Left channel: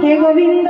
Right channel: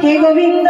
হে গোবিন্দ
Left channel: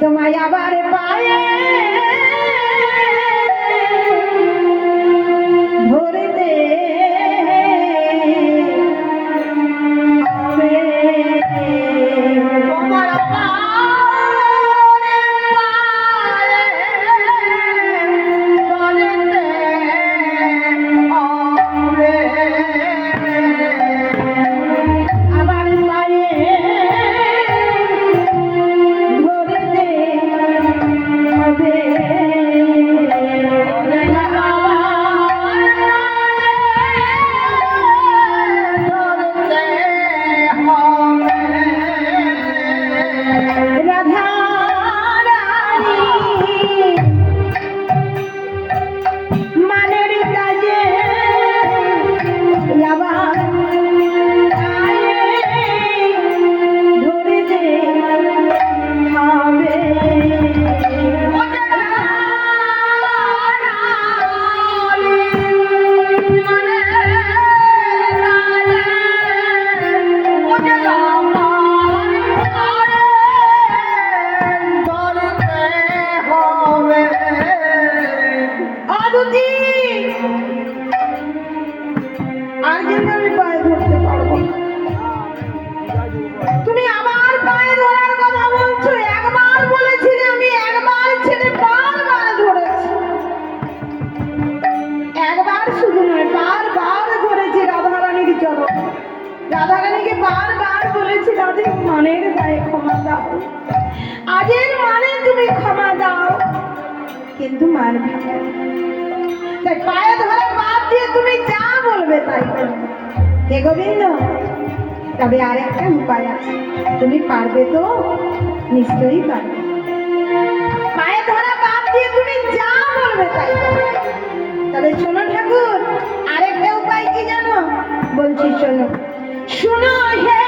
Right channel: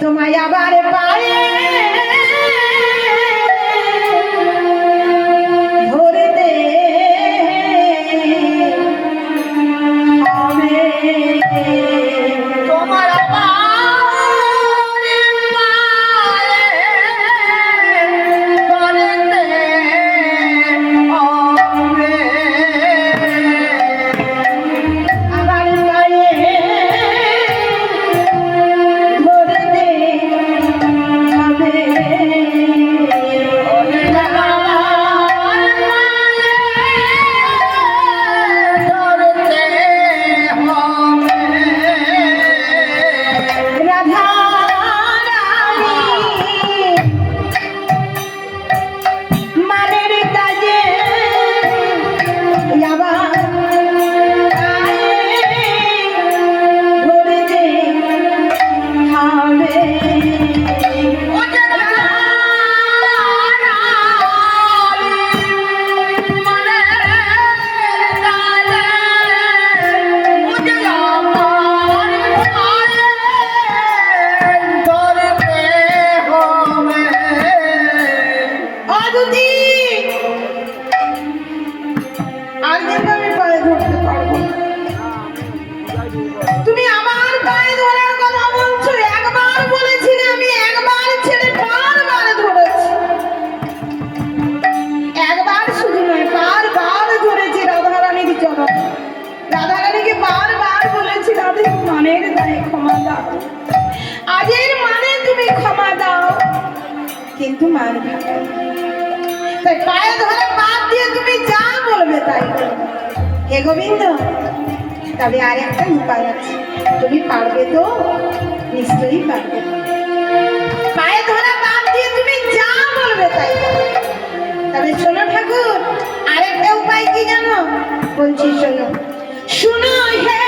তোমায় আবার কিন্তু মান তাই পায়ে ধরে বাদ দিয়ে তুমি যা বলবে তাই হে গোবিন্দ, তবে আরেকটা উপায় আছে। তুমি পারবে তো? নিশ্চয়ই পারবে। পায়ে ধরে বাদ দিয়ে তুমি যা বলবে তাই তবে শোনো ঠাকুর, আরেকটা উপায় কি জানো? বলছি শোনো। শোনো, হে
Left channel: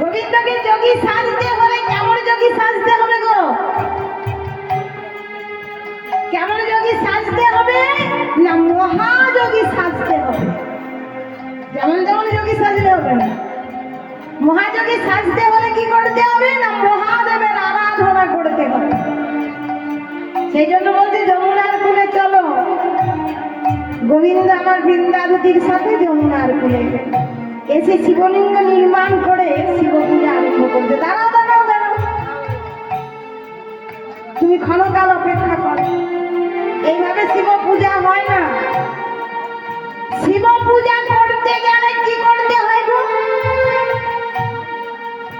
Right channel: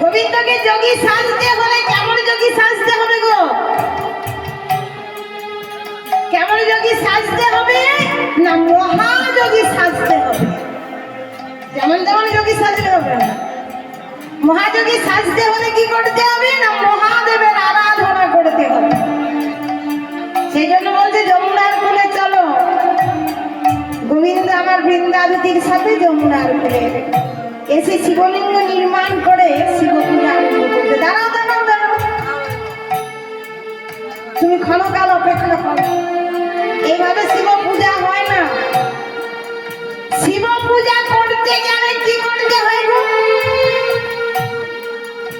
গোবিন্দকে যোগী সাজতে হলে কেমন যোগী সাজতে হবে গো? কেমন যোগী সাজতে হবে না মহাযোগী সাজতে হবে? যেমন তেমন যোগী সাজলে হবে। না মহাযোগী সাজতে কি করতে হবে? না মহাদেবের আরাধনা করতে হবে। সেই জন্য বলছে, যমুনার কুলে চলো। গোবিন্দ আমার বৃন্দাবতীর সাথে যমুনার কুলে এসে শিবলিঙ্গ নির্মাণ করে করবে। দাঁড়াও দাঁড়াও দাঁড়াও। তুমি ক্ষণকাল অপেক্ষা করো। এইভাবে শিব পূজা হয় না। শিব পূজা করতে গেলে কি করতে হয়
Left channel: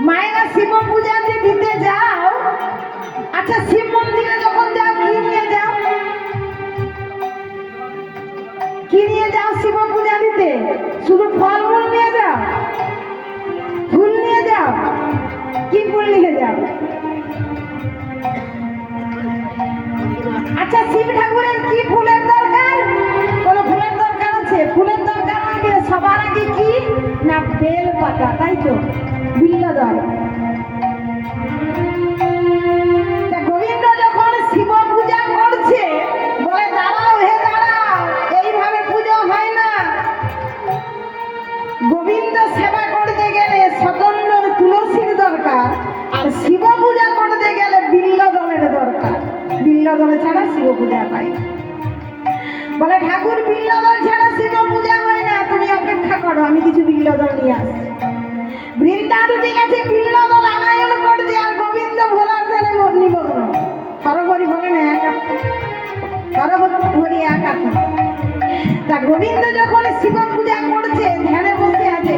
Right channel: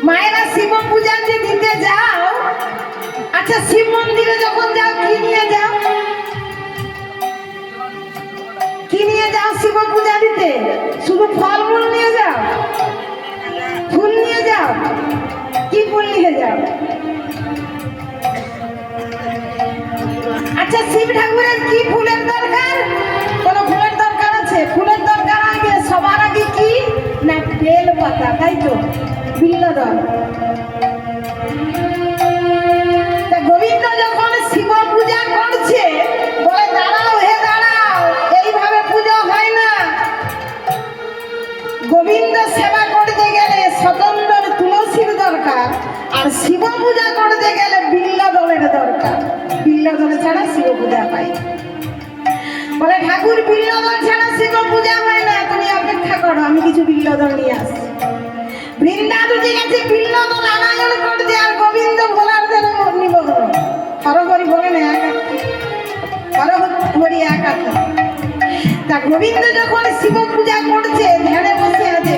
মায়েরা শিব পূজা যে দিতে যাও। আচ্ছা শিব মন্দিরে যখন যাও, কি নিয়ে যাও? কি নিয়ে যাও শিব পূজা দিতে শুধু ফল আচ্ছা শিব ঠাকুরের কি ধ্যানে বসে আছে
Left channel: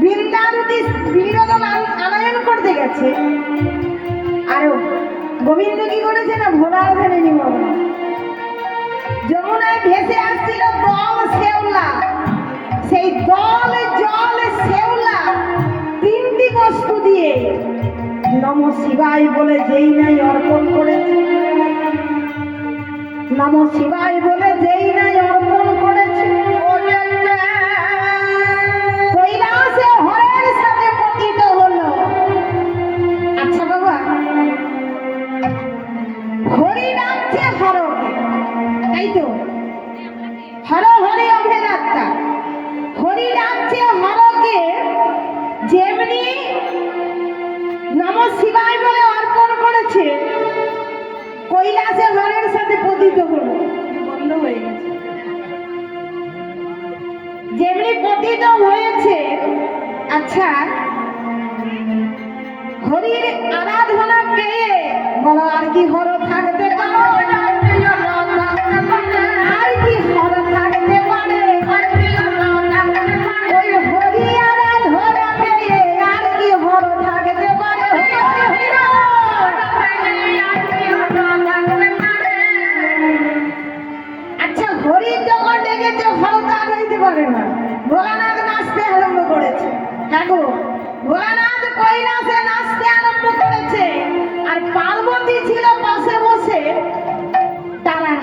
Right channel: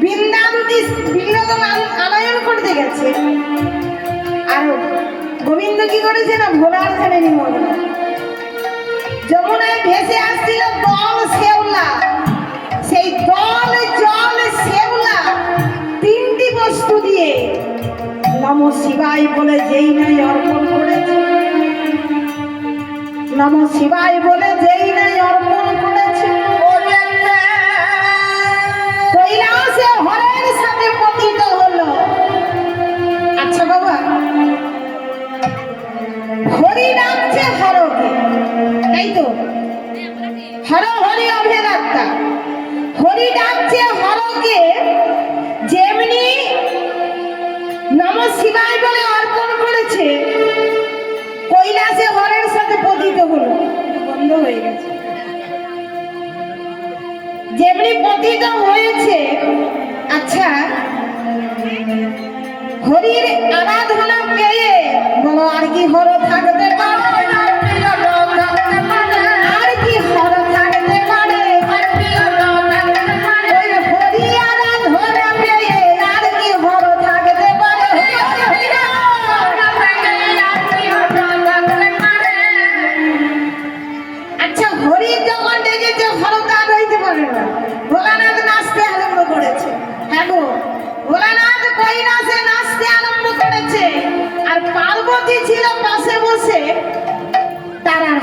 বৃন্দান বিনোদন আনায়ন করতে গেছে। আর গোবিন্দ কি করেছে না, ভোলার ধ্যানে নিমগ্ন যমুনায় ভেসে আসছিল বম নম শিবাই বলে যেই নেই অর্পণ করেছে। নম শিবাই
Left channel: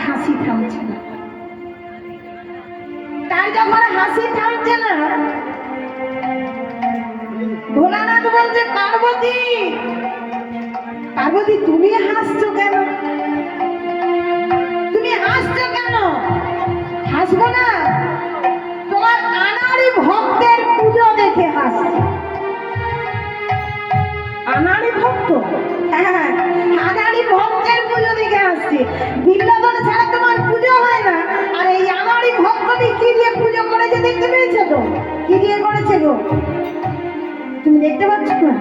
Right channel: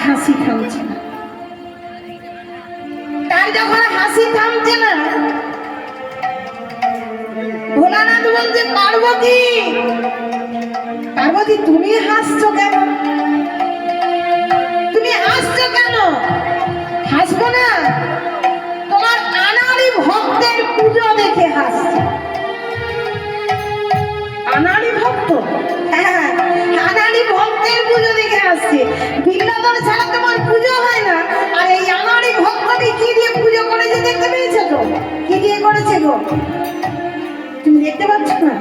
Kasih. দেখতে পাচ্ছ না?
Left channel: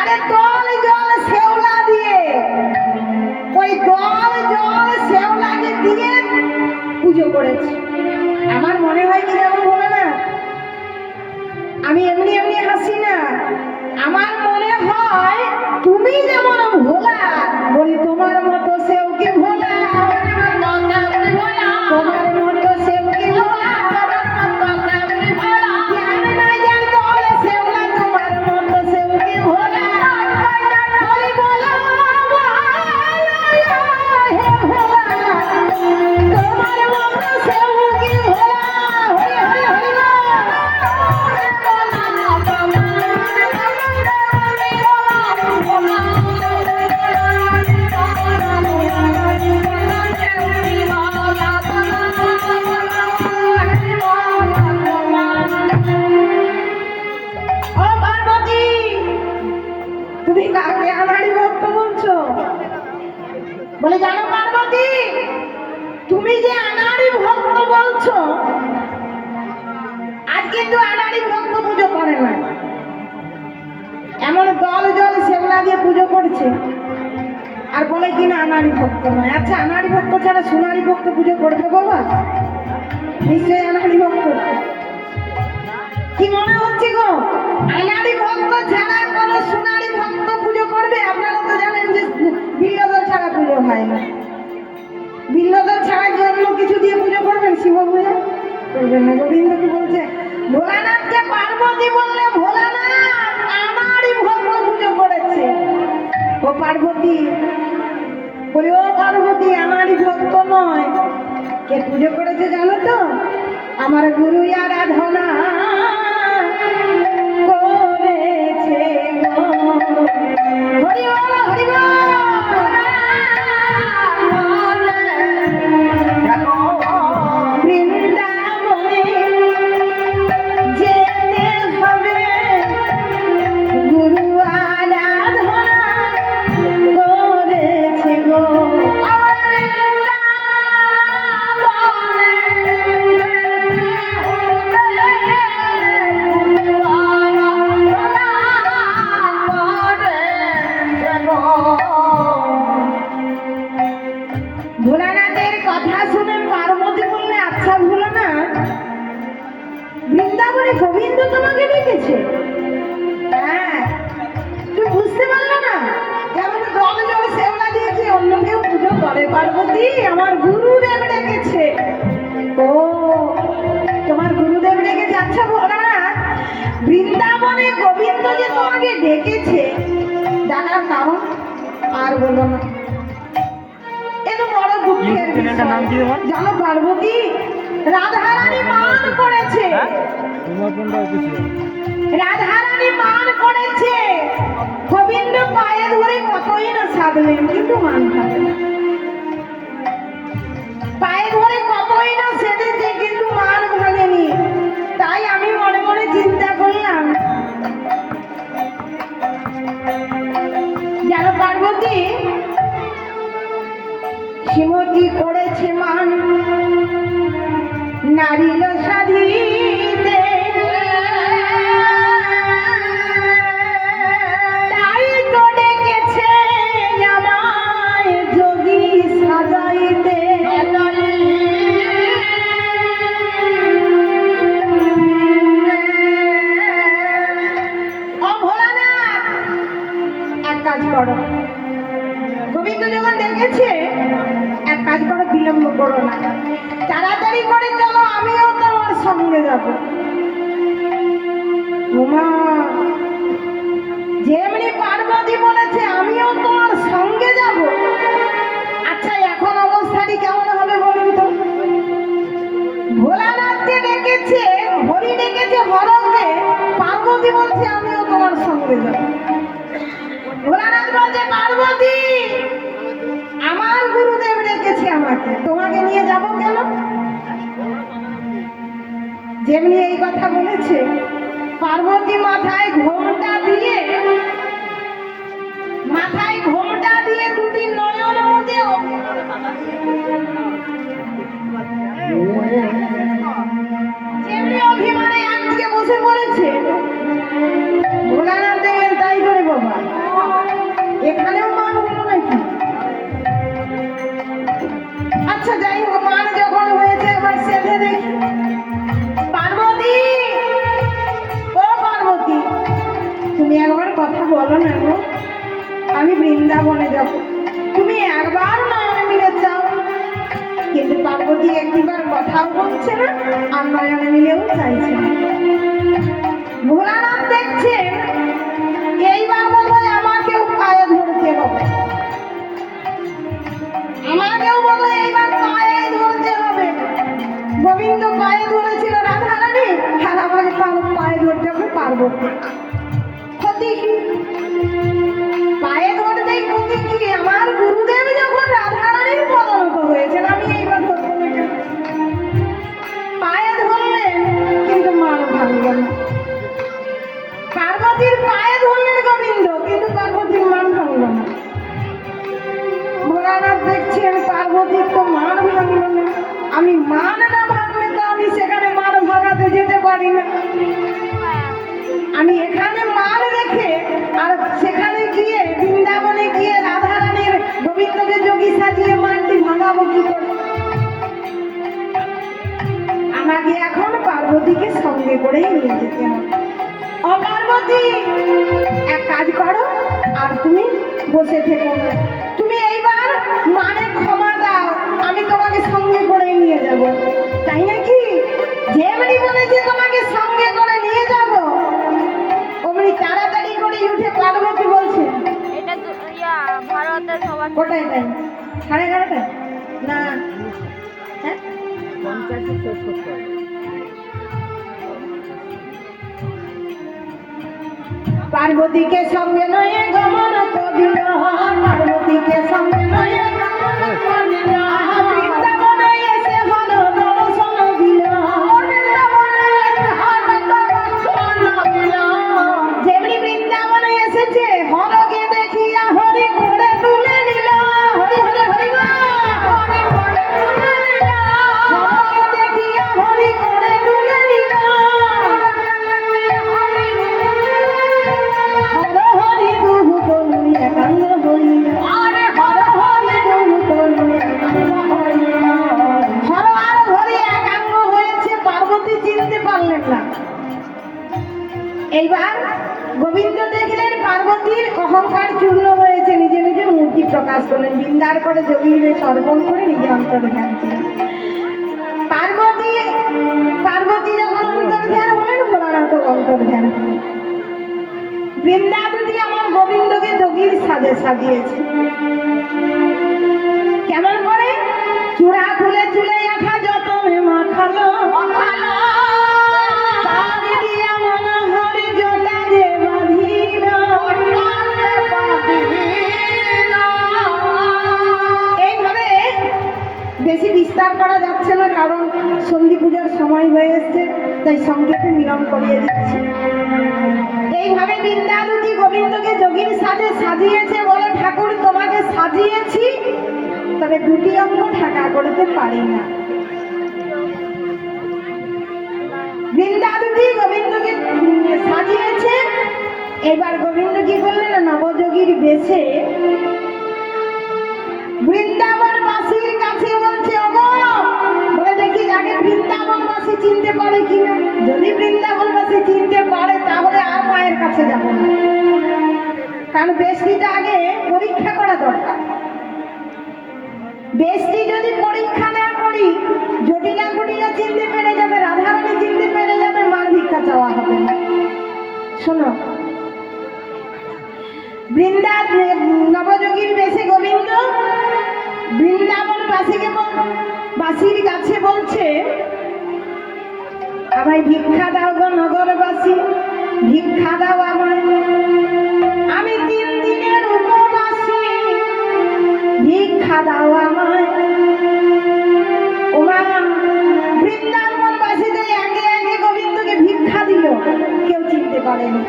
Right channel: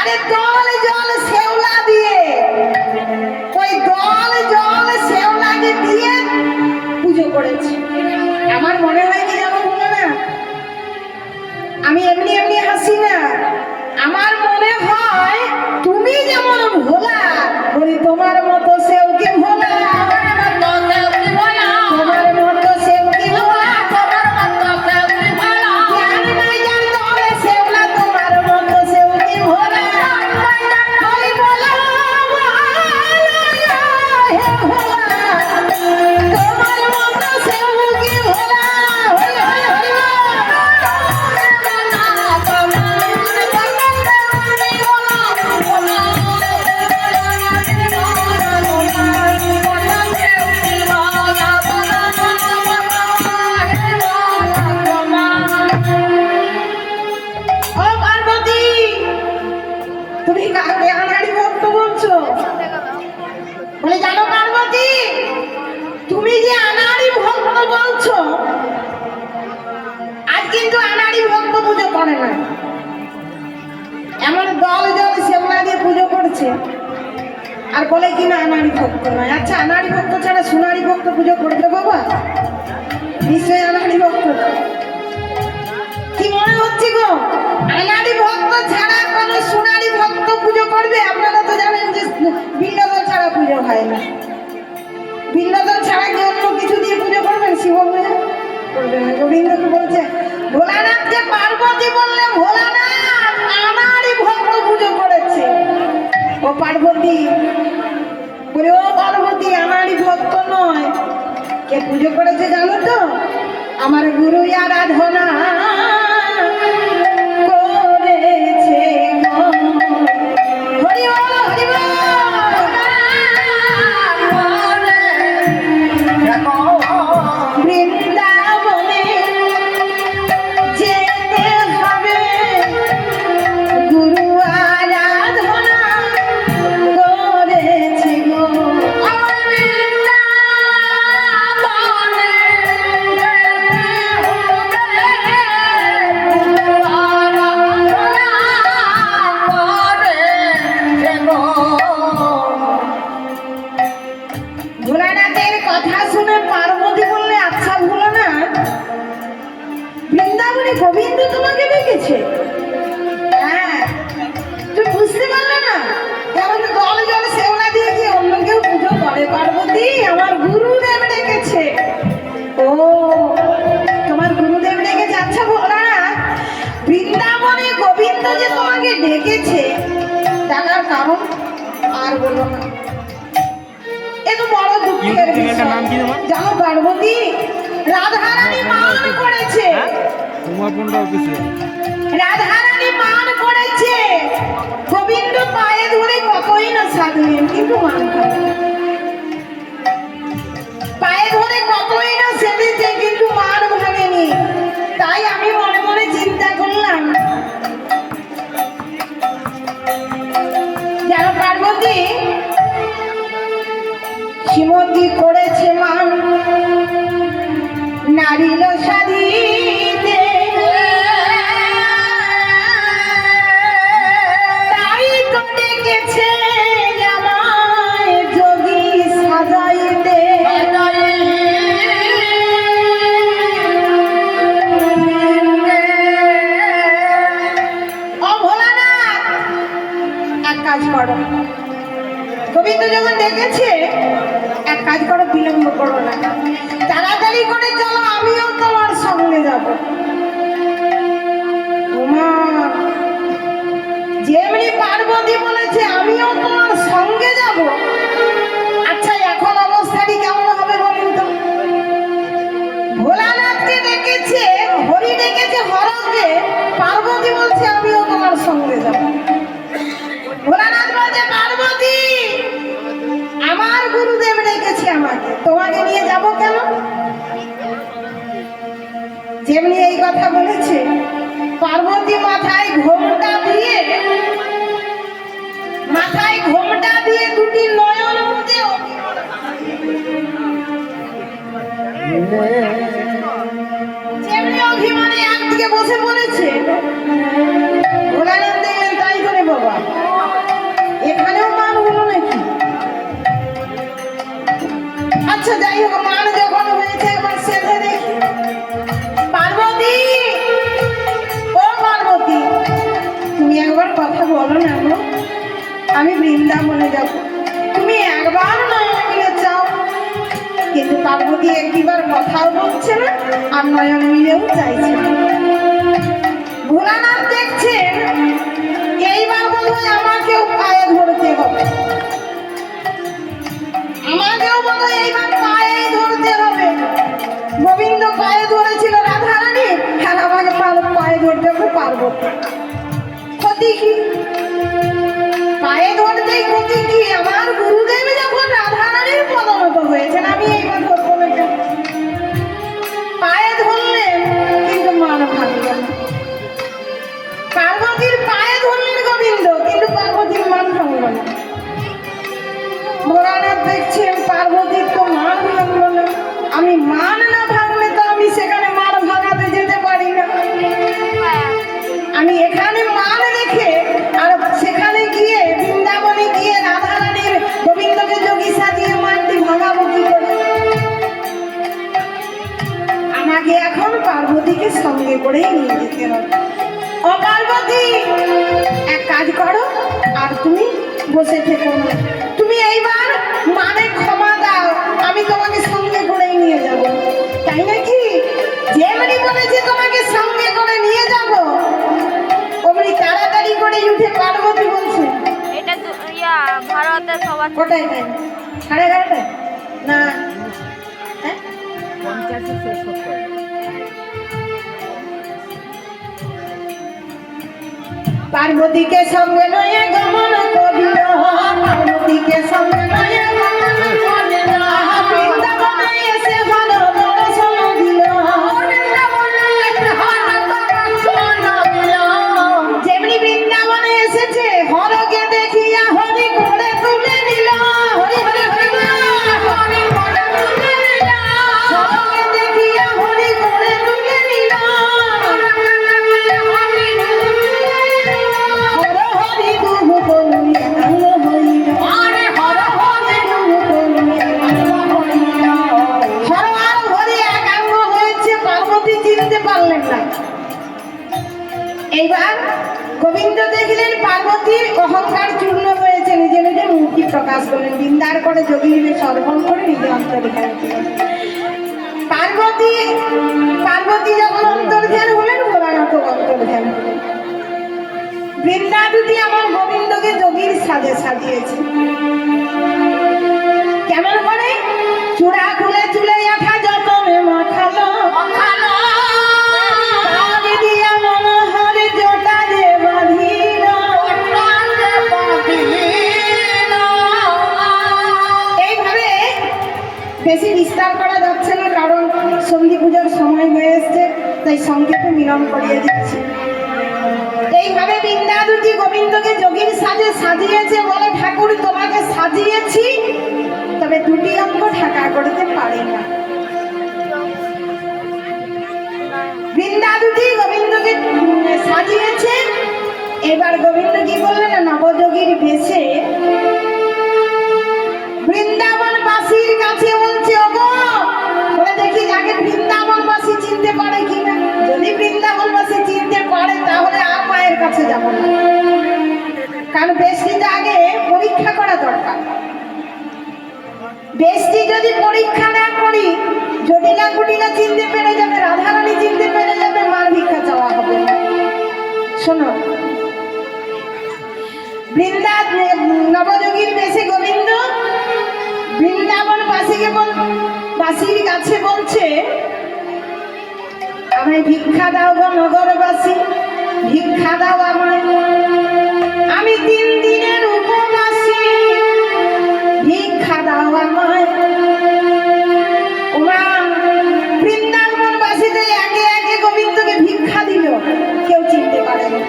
আরে দল জল শেওলা দিয়ে। ওই দল জল শেওলাকে দিয়ে পুজো করেছে। আছে? আর বলে কি না আনারি ভক্ত নয়? আচ্ছা আনারি ভক্ত ছাড়া সোনারি ভক্ত পুজো করবে বাবা? নিশ্চয়ই আনারি ভক্ত। কি মনে হচ্ছে গো? আনারি ভক্ত ছাড়া সোনারি ভক্ত পুজো করবে? আপনারা তো জানেন যে বিল্লদল ছাড়া পুজো হয় না। বিল্লদল ছাড়া কি অন্য কিছু দিয়ে পুজো করবেন? শিব পুজো করবেন না। গোবিন্দকে বলছে, ভোলানাথকে পার্বতী বললে ও পার্বতী। বলে, ও পার্বতী আমারই ভক্ত নয়। কে পুজো করেছে জানো তো? আমার গুরু আরাধনা। মনটা যে তোমাকে ডেকেছে ডাকার কারণ আর বলো না। এত বড় দুঃখের জানো পার্বতী? রাধারানী মান করেছে। উমাকুণ্ড অফিসে। রাধারানী মান করেছে। গোবিন্দ পায়ে ধরে কতই না সাধলেন কিন্তু মান কি করে like Amém. তুমি এইবার মানে ক্ষমা দাও আমি তোমাকে সঙ্গে করেই নিয়ে যাব। তাই নাকি? যেমনি বলেছে তোমাকে সঙ্গে করে নিয়ে যাব অমনি তাড়াতাড়ি করে উঠে পার্বতী বলছে এটা ইয়া ভারতের সবার কটায় টাইম সাড়ে এগারোটায়? না। হ্যাঁ? পঞ্চাশে শেষ করতে হবে পার্বতীকে সঙ্গে মূর্তি বলেন বিন্দার করে যোগীরে সর্বণ করে নিজে অন্তরে ধ্যান পার্বতী পার্বতী যখন অন্তর ধ্যান হলেন, ভোলানাথ অন্তর ধ্যান হলেন বৃন্দা দুটি আমার গোবিন্দকে যোগীর সাজে সাজিয়েছে। এসছে, তাই সংক্ষেপে মিলন করিয়ে দিচ্ছি। এইভাবে বিদ্যা দুটি গোবিন্দকে যোগীর সাজে সাজিয়েছে বলে ঠাকুর তোমাকে সাজিয়েছি, তবে দুটি অঙ্গ ঢাকা করতে পারি না। বৃন্দা দুটি গোবিন্দকে সাজিয়েছে। এবার গোবিন্দ কি করলেন? নবযোগীর বেশে কাছে যাব না। কারণ বেশটিতে আগে পরীক্ষা করা দরকার। বেশটি যদি পরীক্ষা না করি, জটিলা কুটিলা চিনতে পেরে যাবে, রাধারানী চিনতে পেরে যাবে, মার ভিক্ষা চাওয়া হবে শোনো বৃন্দা নবযোগীর বেশে গোবিন্দ, বৃন্দাবন বাসীকে বাসীর কাছে বলছে, আমায় ভিক্ষা দাও গো নগরবাসী। ভিক্ষা দাও আমায় আমি তিন দিনের উপবাসী। ভিক্ষা দাও আমায় ওমা ভিক্ষা দিল। কেউ চিনতে পারেনি।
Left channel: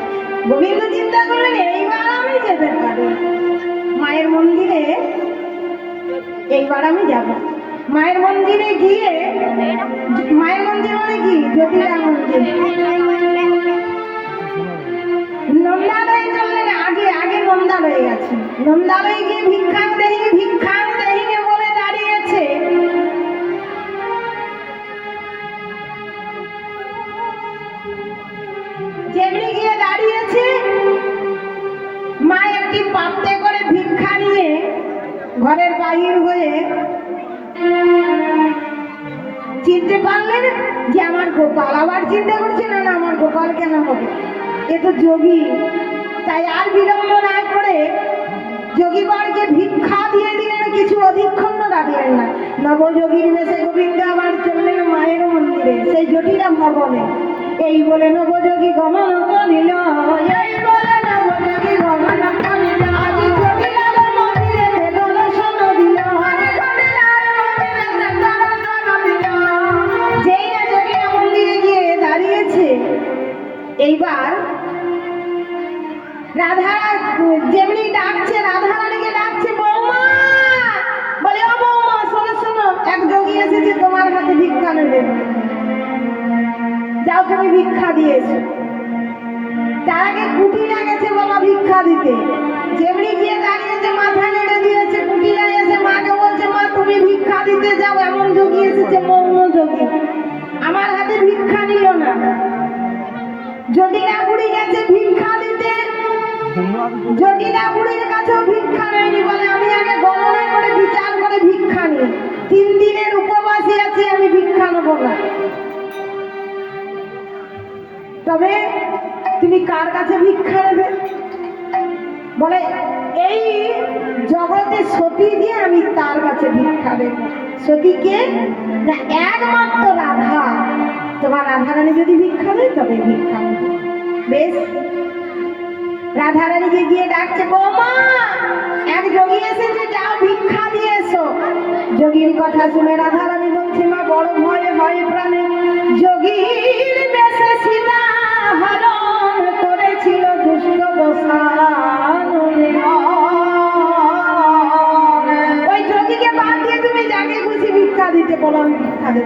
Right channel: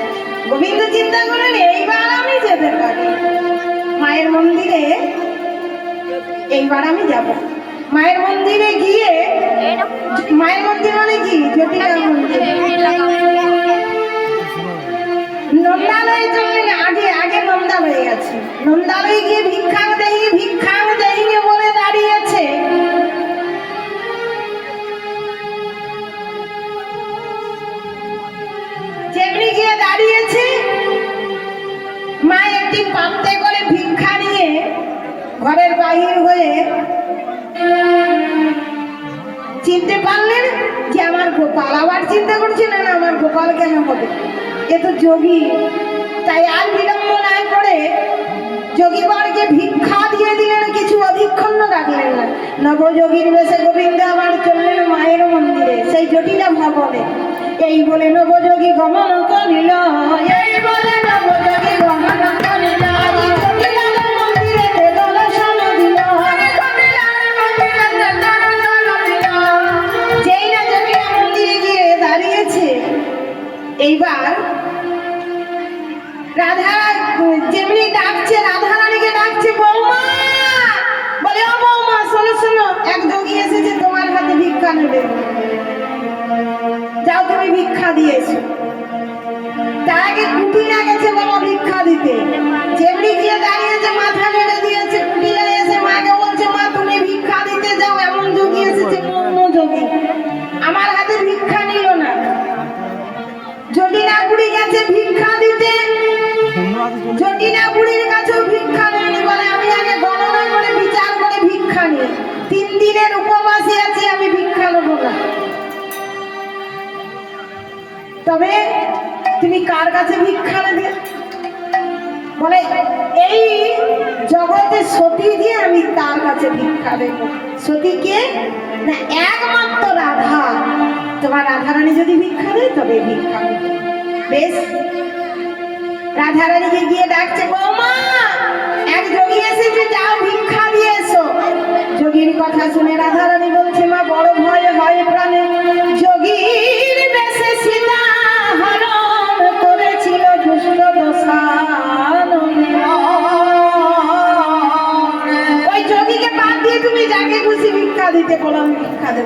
গোবিন্দ চিন্তা করেন এইবার আমি যেতে পারি। মায়ের মন্দিরে, এইবার আমি যাব। মায়ের মন্দিরে গিয়ে, মায়ের গেছে গিয়ে ভিক্ষা দেহি ভিক্ষা দেহি বলে দাঁড়িয়েছে। যেমনি গিয়ে দাঁড়িয়েছে, মা একটি পাত্রে করে ভিক্ষা নিয়ে ঘরের বাহির হয়ে চিনতে পারলেন যে আমার গোপাল আবার চিন্তা করছে না, আমার গোপাল কেন হবে? এ তো যোগী। তাই আর বিলম্ব না করে নবযোগীর বেশে গোবিন্দ আমার চললেন মায়ের মন্দিরে, সেই জটিলা ভবনে। এই বলে নবযোগী গমন করিল ভিক্ষা দিয়েছ। তার আগে কুটিরা গেছে বাবা ভিক্ষা দিতে। যেমনি গিয়ে দাঁড়িয়েছে, মাথা নেড়ে দিয়েছে কুটিরা এসে মাকে বলছে, মা, তুমি ভিক্ষা দিতে যাও। এমন যোগী এসেছে, মগ্ন যোগী। আমার হাতে ভিক্ষা নিল না। জটিলা বুড়ি গেছে ভিক্ষা দিতে জটিলা বুড়ির কাছেও ভিক্ষা নেয়নি বলে আমি আগে গণনা করে, বিচার করে ভিক্ষা নিই। তিন দিনের তুমি কার কাছে ভিক্ষা নেবে? বলে, এই জগতে সতী দিয়ে আমি তার কাছে ভিক্ষা দেব সতীকে না, একমাত্র রাধা। তোমার রাধারানী যদি ভিক্ষা দেয়, তবে ভিক্ষা বেশ। রাধারানীকে গিয়ে ডাকছে, বৌমা, এক যোগী এসেছে, যাও ভিক্ষা দিয়ে এসো। যোগীর কথা শুনে রাধারানী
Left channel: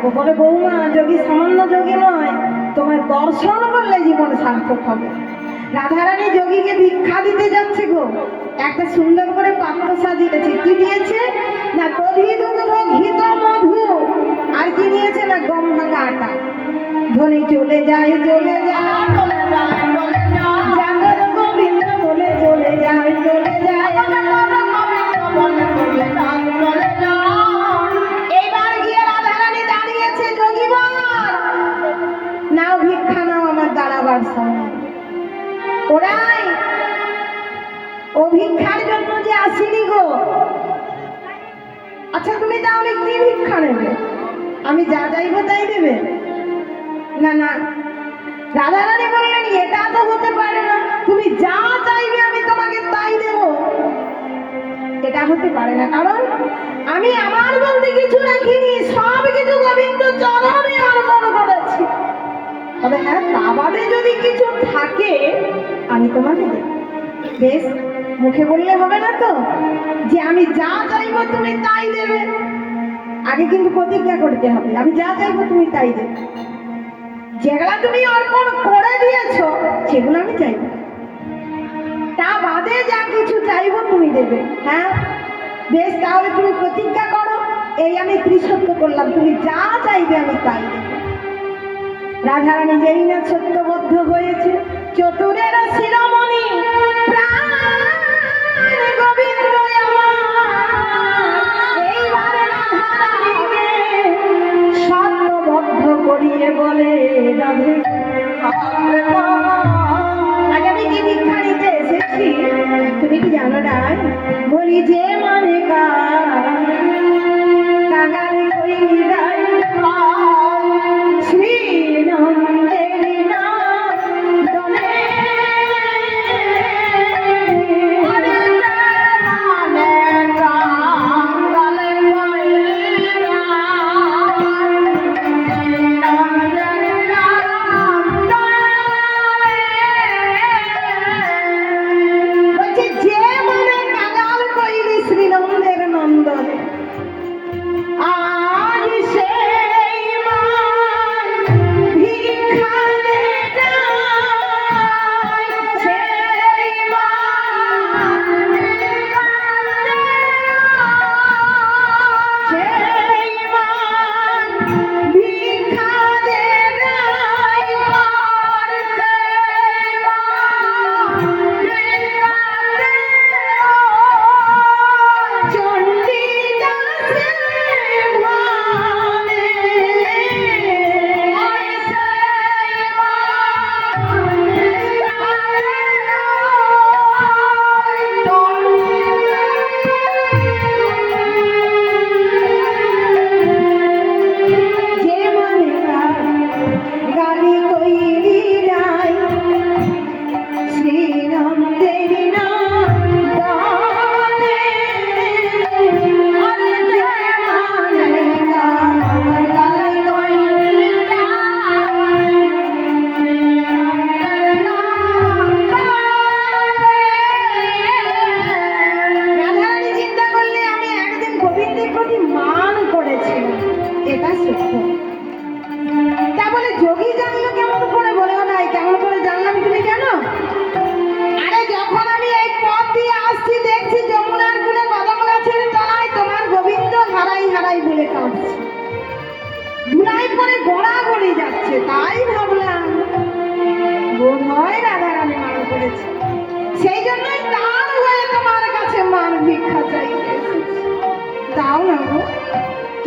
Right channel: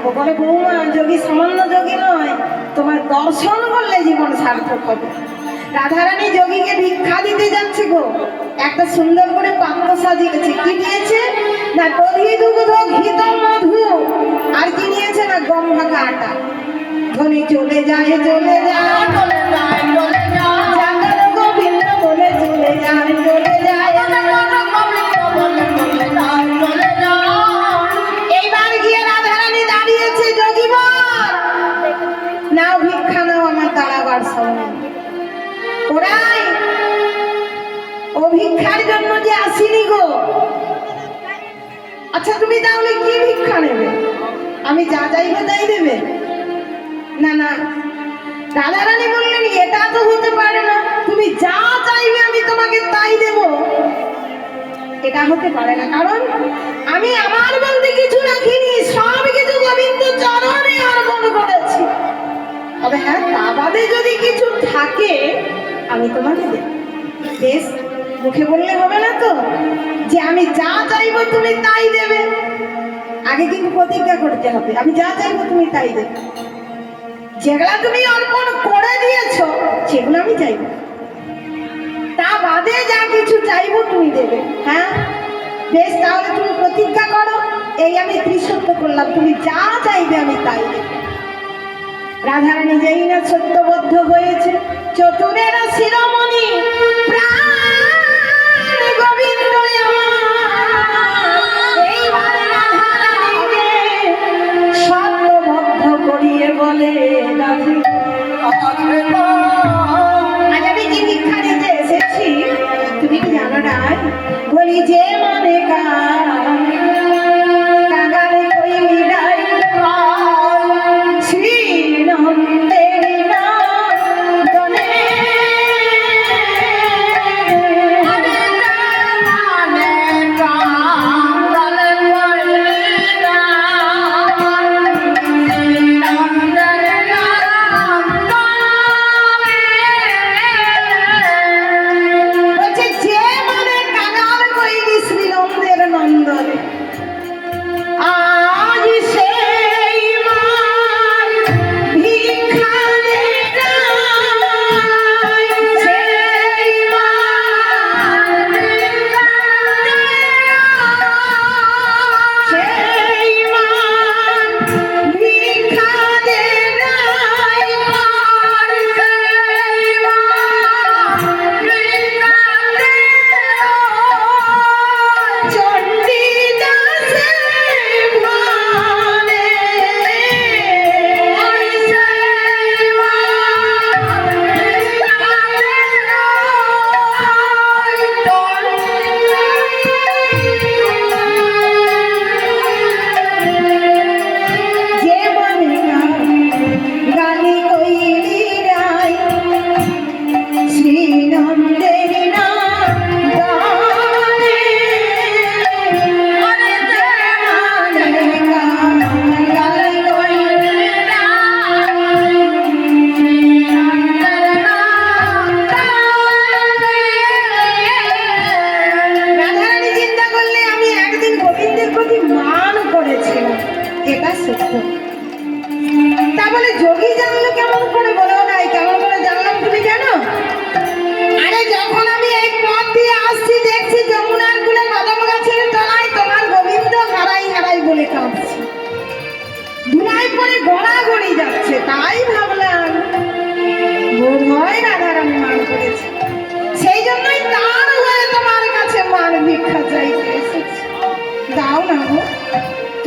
দেবো বলে, বৌমা, যোগী সামান্য যোগী নয়, তোমার দর্শন করলে জীবন সার্থক হবে। রাধারানী যোগীকে ভিক্ষা দিতে যাচ্ছে গো। একটা সুন্দর করে পাত্র সাজিয়েছে। কি দিয়েছে? না দধি দুগ্ধ মধু। আর কি নিয়েছে না ভাঙা আটা। ধনী চলে যায় চলে যায়। সামনে। ওরাই ও ভিক্ষার জন্য যে আসিনি গো। আচ্ছা তুমি তাহলে কি ভিক্ষা নেবে? আমি যা চাইব তাই দেবে। না না, রাধারানী বললেন, এটা তো হতে পারে না। তুমি যা চাইবে আমি তোমাকে তাই দেব। এটা হতে পারে না, কারণ আমি আমার বলতে কিছু রাখিনি। সব কিছু গোবিন্দ চরণে তবে হ্যাঁ তা বাদে যদি কিছু থাকে, আমি তোমাকে দেব। বেশ, মুখে বললে হবে না তো? যে আমি যা চাইব তুমি তাই দেবে। আগে কিন্তু প্রতিজ্ঞা করতে হবে, আমি যা চাইব তুমি তাই দেবে। যেগুলা তুমি অর্পণ করে দিয়েছ, সেগুলো আমি চাইব। তা বাদে যা কিছু চাইব তুমি দেবে হ্যাঁ? বেশ, তাহলে তুমি প্রতিজ্ঞা করো, এই আমি ত্রিসত্য করলাম, তুমি যা চাইবে আমি তাই দেব। রাধারানী যেই না সত্যবদ্ধ হয়েছে, চতুরের শিরোমণি সত্যবদ্ধ করিয়ে বলে আজ আমি যে ভিক্ষা দিতে এসেছি, তুমি কি জানো রায়? বলি যে মানে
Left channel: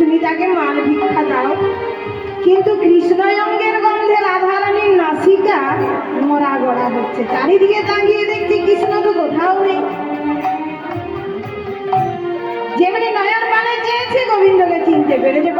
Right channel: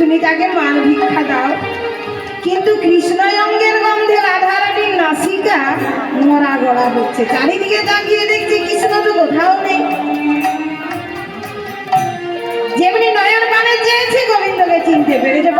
তুমি তাকে মাল ভিক্ষা দাও। কিন্তু কৃষ্ণয়ঙ্গের গন্ধে রাধারানীর নাসিকা মরা গড়া হচ্ছে চারিদিকে তাকিয়ে দেখছি কৃষ্ণ তো কোথাও নেই। যেমনি নয়ন মানে চেয়েছে, গোবিন্দকে চিনতে পেরেছে।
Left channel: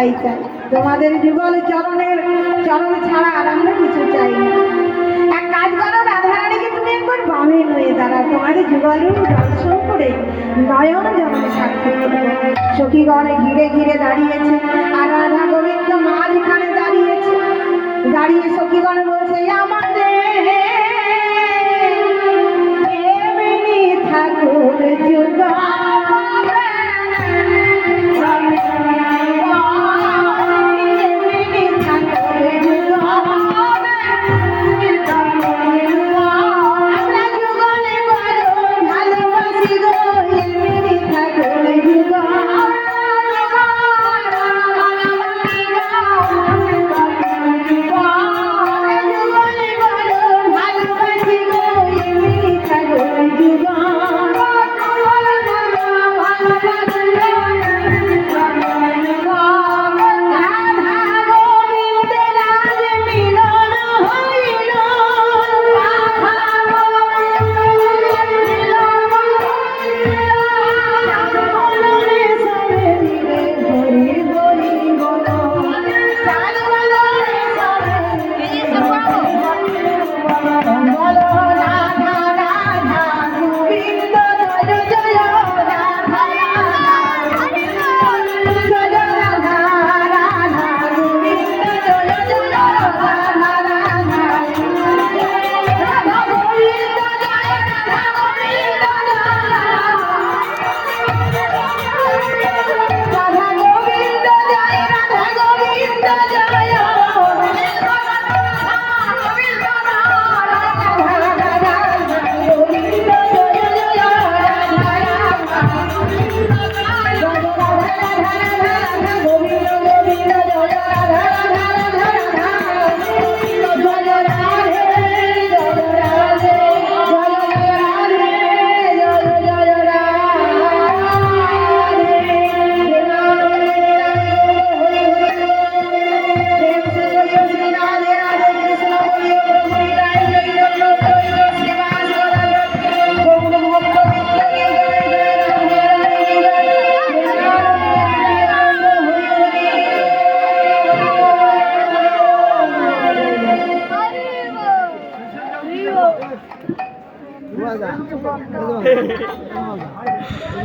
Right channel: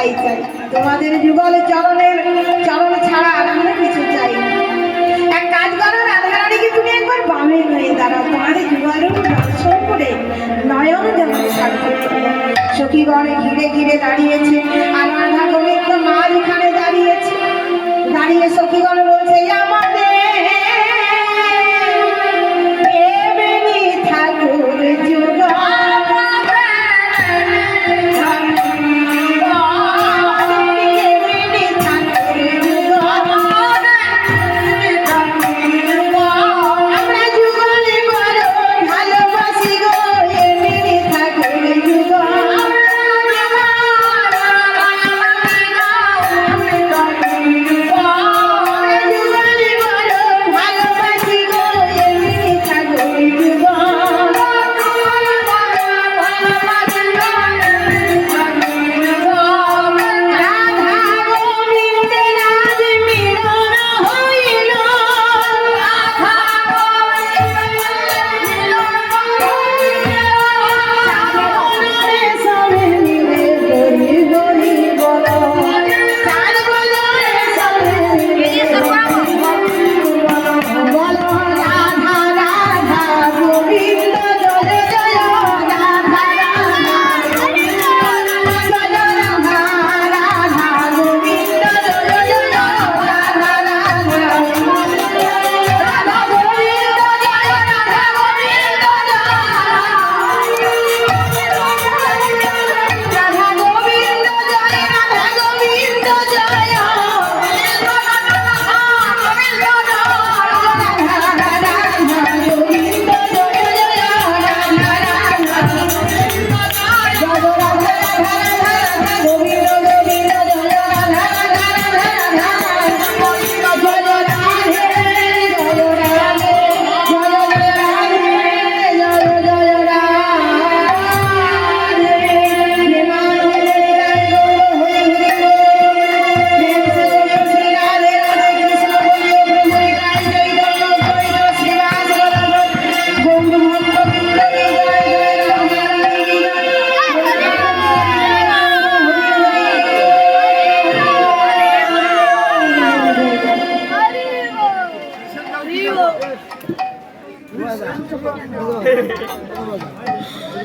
তাই চাই। তোমাদের যুগল চরণের চরণ ছাড়া আর আমরা কিছু চাই এক কাজ করো, রাধারানীকে তুমি একবার বামে হয়ে দাঁড়াও। তোমাদের যুগল দর্শন করে নয়ন যেমন সাক্ষী সখীগণে ঘিরে ঘিরে দাঁড়িয়েছে, আর রাধা গোবিন্দ মাঝখানে দাঁড়িয়েছে। দাঁড়িয়ে সখীগণ